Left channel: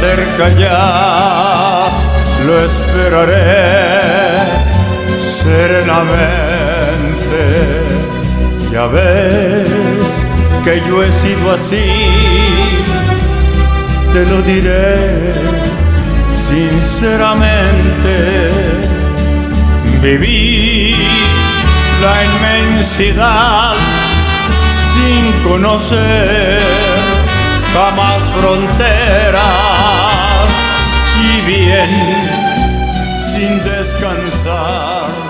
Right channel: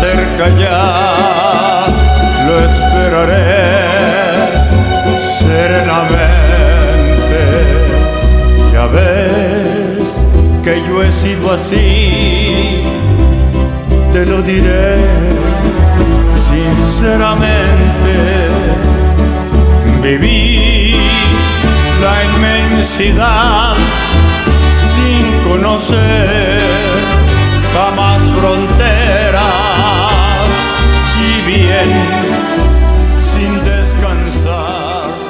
cerca ya, lo esperaré serenamente. Ya ves que yo he sido así, te lo diré sinceramente. Viví la inmensidad sin conocer jamás fronteras, y bien sin descansar.